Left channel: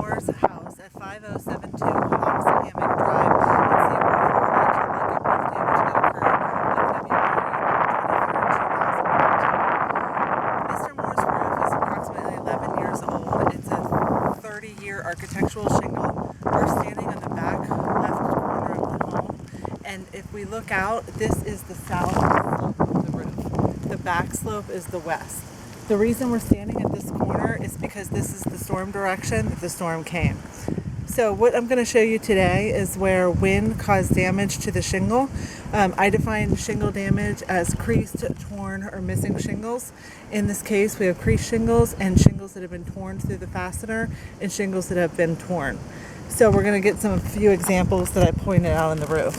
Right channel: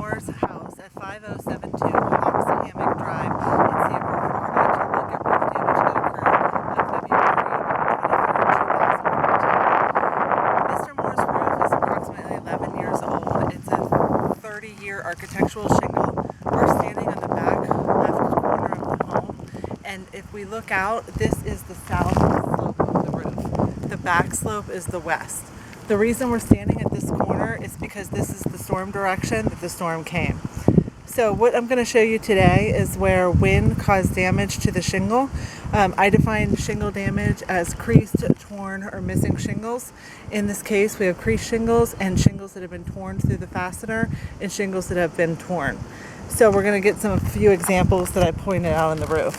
Moore's house at 5072 Hoxhammock Drive in Sanford, Florida to look at roof damage that occurred on February 23rd, 2014. Mr. Moore's roof is approximately 11 years old. It's a 30-year architectural shingle. We're standing on the back left corner of the home, and if we look out, this is the south slope of the roof. The back slope is the west. The reason we're standing at this corner is because this is the storm direction that the storm came. So what I'm going to show you today is where wind caused damage to the shingle. I define shingle damage as creased, torn, or missing shingles. In this case, we have creased shingles and shingles that have been torn through the fastener and shingles that have been torn. So we're going to get a few examples that I pointed out on the roof.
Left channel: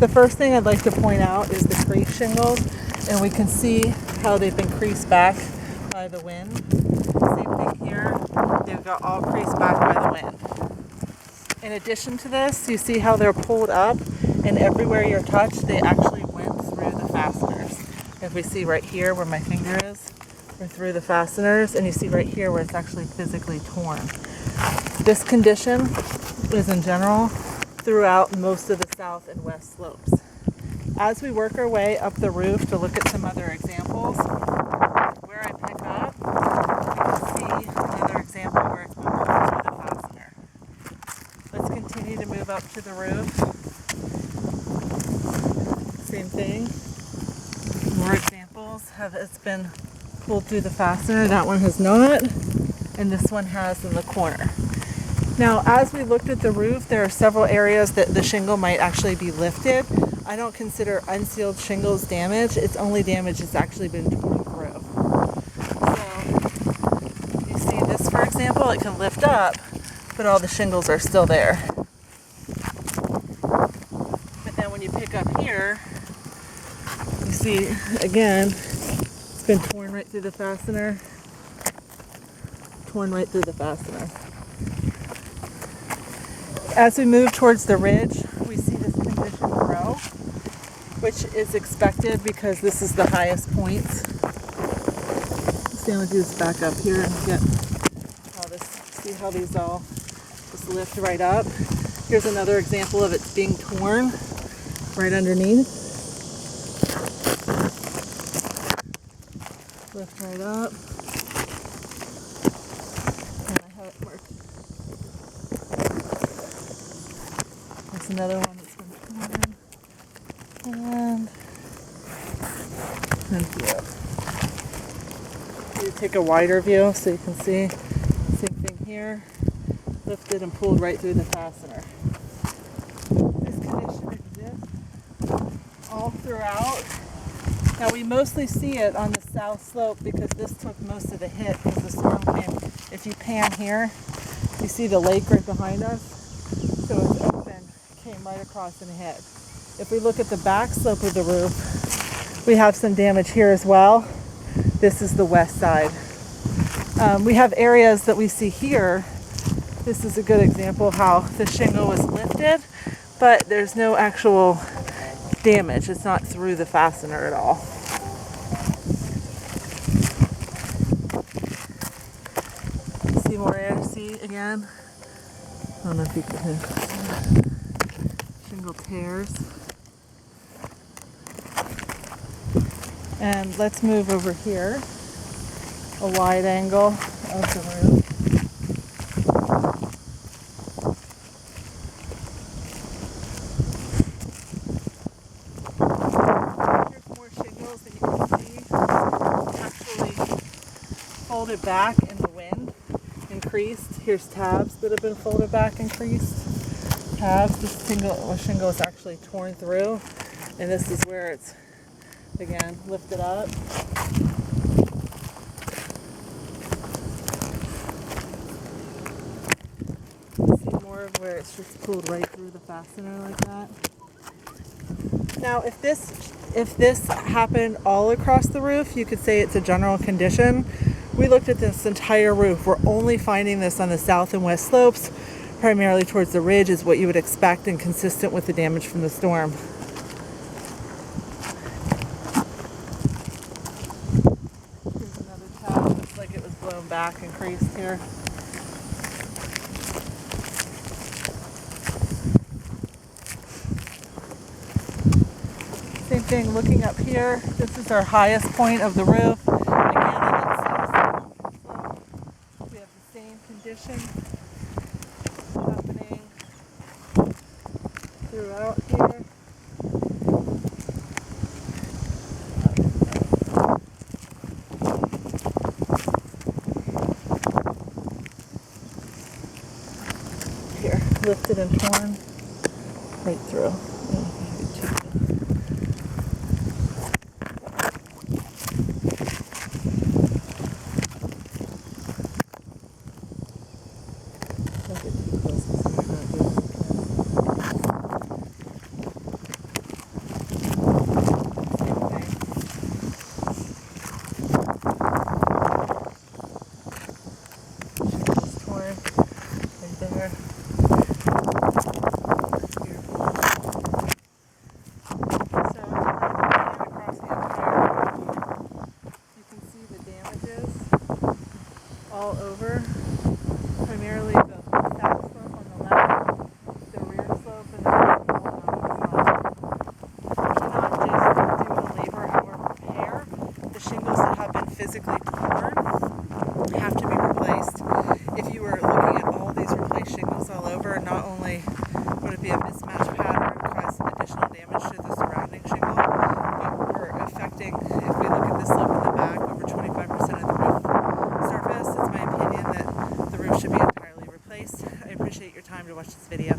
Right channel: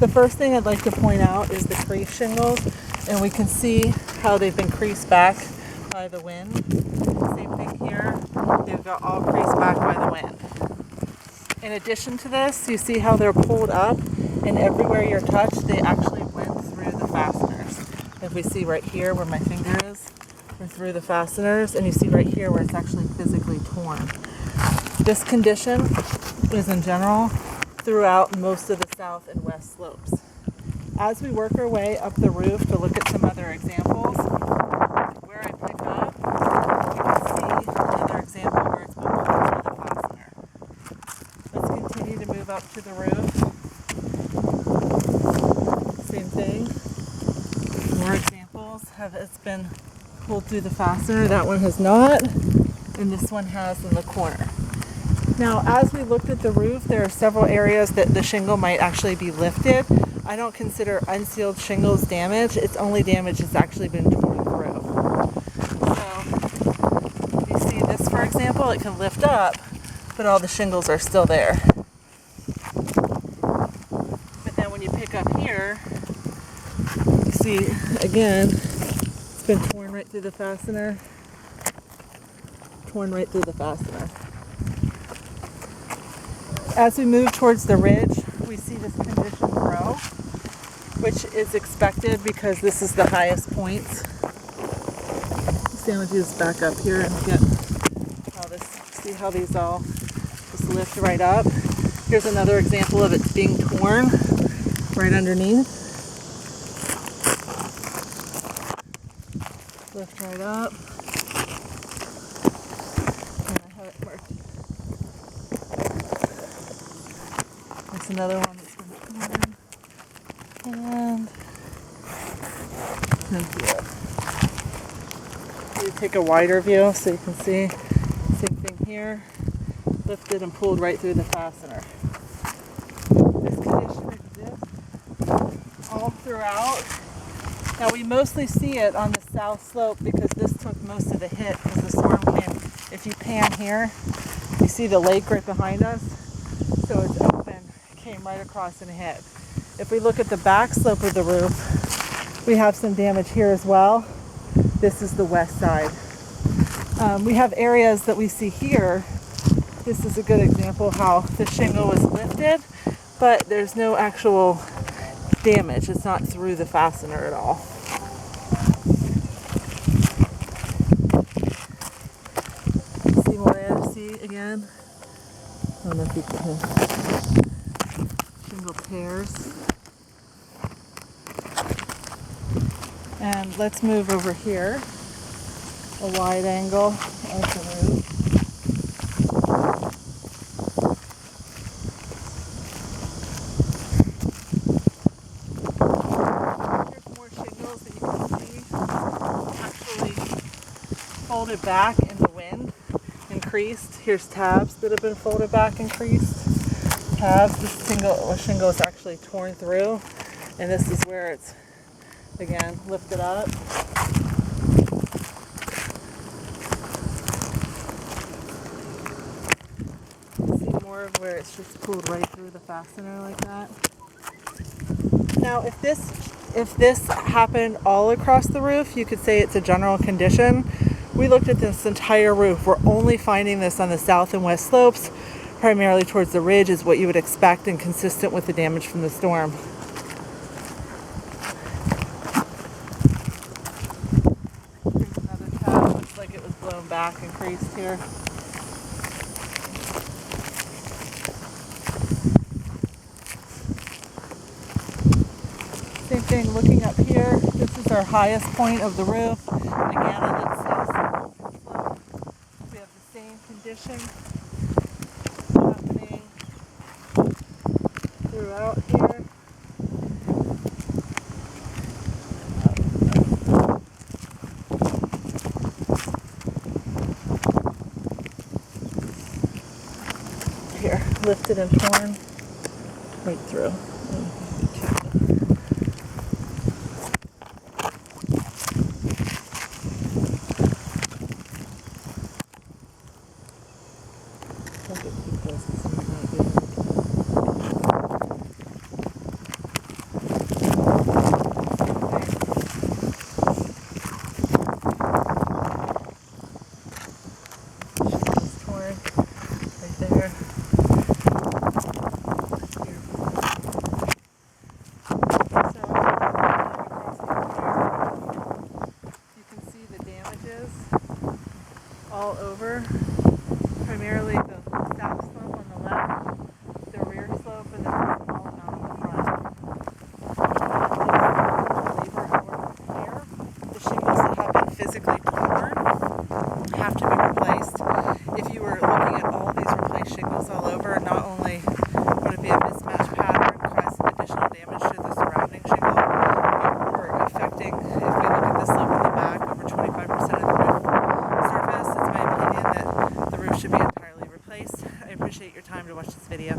The first thing I'd like to point out is the creased shingles, and we can see how they've been creased back by the wind. Same thing here, they've got all creased back by the wind. In addition to this, you see how they're pulled up, and everywhere you're touched, they actually went through the fasteners. If we see right here where my finger is, we're through the fasteners, and you see right here where it's actually physically torn. This condition is in general throughout most of the south and west slopes. As we work our way up the roof to look at some other examples, where I pick up, you can see another example where it's been pulled through the fastener. Let's continue to move up to the roof. Same thing. More examples it's been pulled through the fastener. That one has not, and this one has in the corner. Now, as we looked at the roof, there are several areas that the shingle might actually be lifted. I don't consider unsealed shingles damage. It's only damage that's actually been torn through. So, you see this, for example, it can lift up, but all the shingles are still there. But then when you pick up here, you see, again, it's been torn right through the fastener. Torn right through the fastener. As we move towards the ridge, we see this condition grow, which is expected because this is the highest point. So I'm going to just back up here and get see how these all just lift right up. Here's another example of it being torn right underneath. Lift right up. And I have it marked. That's another one that's been torn. And here. You take a wider view so you can see. Same thing here. Lifted and pulled right through the fastener. This condition exists all throughout. Now we mostly see it on the south slope because this took most of the hit because the storm came. If you pan here, you see the lake right behind us. So it's open, came right across and hit. If we look at the back slope of the roof, we have some damage here as well. This is the west side. We have areas that we see here. This is a good example of how the shingle was lifted, but there's no actual damage. It's not through the fastener at all. See more air, see again? I don't know if you can hear. Shingle tears. And let's move over here, a wide angle of the roof. Here's more shingles that you can see actually folded back in the wind and creased. Here's tabs that have been folded back and creased. Tabs, this shingle is actually torn through, and this is where it's again lifted up. See more of where it's just pulled right through the fastener like that. Now if this happened all across the roof, you could say it's a general condition. We looked at this entire roof. We're only finding this on the south and west slopes, primarily towards the ridge, is what you would expect and consistent with the damage from the storm. Here's another tab. Looks like it was blown back and creased here. Same thing, looking up here, this is our highest point of the roof. Again, on that south slope, we have the same condition happening throughout here. Here, lifted and torn right through. Don't get too close because I'm not good looking at it. Torn right there. So if you're looking across the entire roof, you can see the damages all over. Primarily the south slope on the left, the rear slope, and then all down the front. Not just due to labor or repair. The shingles that have been physically torn have to be replaced. If you were looking at all these replaced shingles all over, not only would it be a mismatch pattern, cause additional damage to the surrounding shingle, but we're affecting, if we look at the slope in the back, over 25% of the roof surface. It's my opinion that the roof should be entirely replaced. I appreciate your time to watch this video.